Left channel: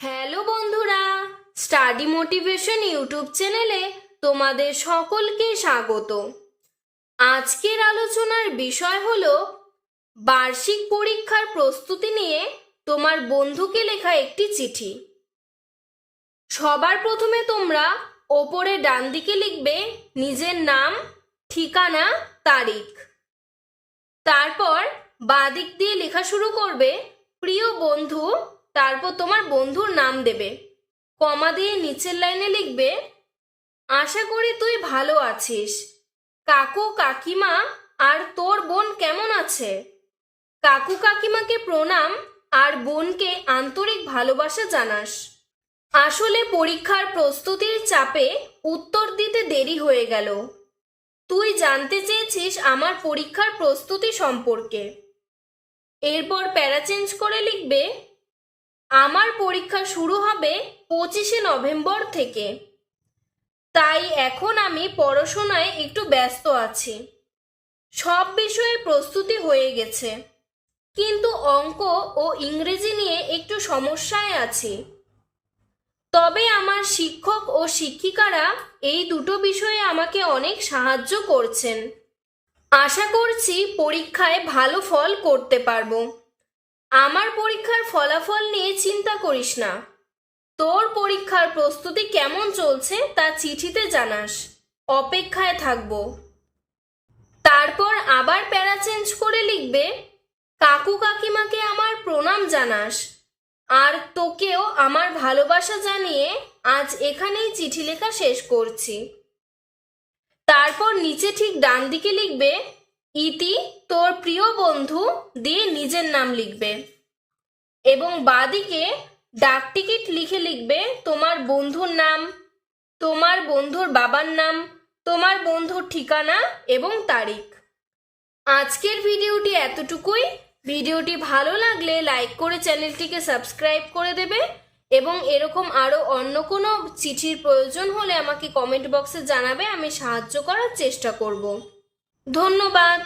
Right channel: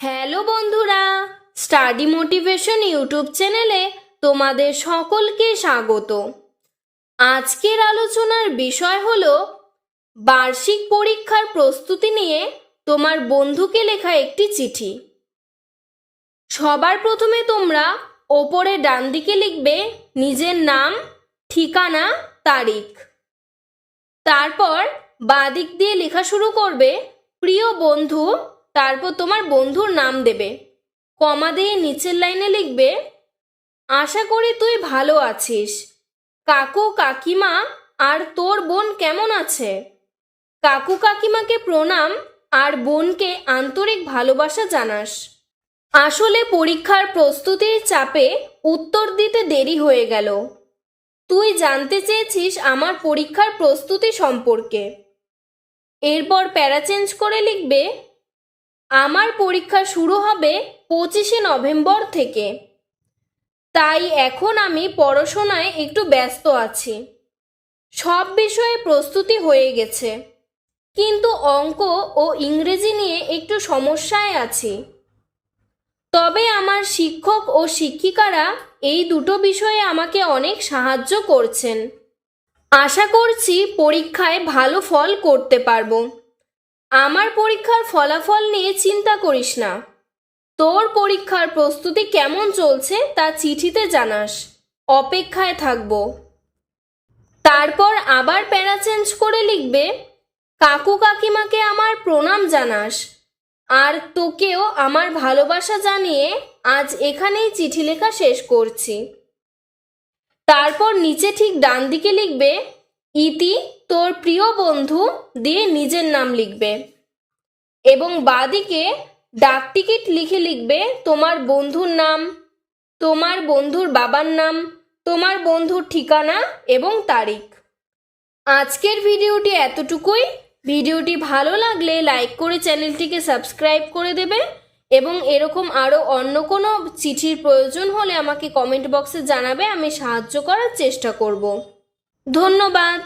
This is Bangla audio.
হ্যালো বন্ধুরা, স্টাডি মোটিভেশন ইউটিউব চ্যানেলে তোমাদের সকলকে স্বাগত। আজকের আলোচনার বিষয় হলো বার্ষিক পরীক্ষার প্রস্তুতি নিয়ে তোমার বন্ধুকে লেখা একটি চিঠি। সবার প্রথমে তোমরা ওপরে ডান দিকে লিখবে নিজের নাম, ঠিকানা, তারিখ। তারপর বাঁ দিক দিয়ে লেখা শুরু করবে প্রিয় বন্ধু, তারপর তোমার বন্ধুর নাম দেবে। কমা দিয়ে নিচের লাইনে লিখবে আশা করি তুই ভালো আছিস। কাকু কাকিমা আর তোর বোন কেমন আছে? কাকু কাকিমাকে প্রণাম আর বোনকে আন্তরিক ভালোবাসা জানাস। আসলে পরীক্ষার প্রস্তুতির চাপে উত্তর দিতে দেরি হয়ে গেল। তুই জানতে চেয়েছিস আমার পরীক্ষার প্রস্তুতি সম্পর্কে। এরপর প্যারা চেঞ্জ করে লিখবে আমার পরীক্ষা শুরু হবে 25শে নভেম্বর থেকে, তাই এখন আমি পড়াশোনায় একটু ব্যস্ত আছি। সব বিষয়ে প্রস্তুতি হয়ে গেছে, কিন্তু অঙ্ক ও ইংরেজি নিয়ে একটু সমস্যায় আছি। তবে আমার শিক্ষক ও শিক্ষিকারা এই দুটো বিষয়ে আমাকে অনেক সাহায্য করছেন। আশা করছি পরীক্ষায় ভালো ফল করতে পারবো। আমার পরীক্ষার ফলাফল নিয়ে চিন্তা করিস না। তোর পরীক্ষার প্রস্তুতি কেমন চলছে তা চিঠিতে জানাস। অপেক্ষায় থাকবো। তারপর আবার প্যারা চেঞ্জ করে লিখবে কাকু কাকিমাকে আমার প্রণাম জানাস আর তোকেও আমার ভালোবাসা জানিয়ে আজ এখানেই চিঠি লেখা শেষ করছি। তারপর নিচে ঠিক ডান দিকে লিখবে ইতি তোর প্রিয় বন্ধু দিয়ে নিজের নাম লিখবে এবং বাঁদিকে ডাক টিকিট লিখে লিখবে তোমার বন্ধুর নাম, তোমার বন্ধুর বাবার নাম, তোমার বন্ধুর ঠিকানা এবং তারিখ। আজকের ভিডিওটি এতটুকুই। ভিডিওটি ভালো লাগলে লাইক করে চ্যানেলটিকে সাবস্ক্রাইব করে দেবে এবং এরকম আরও অন্য কোনো চিঠির প্রয়োজন হলে আমাকে কমেন্ট বক্সে জানাবে, আমি সাহায্য করার চেষ্টা করব। ধন্যবাদ।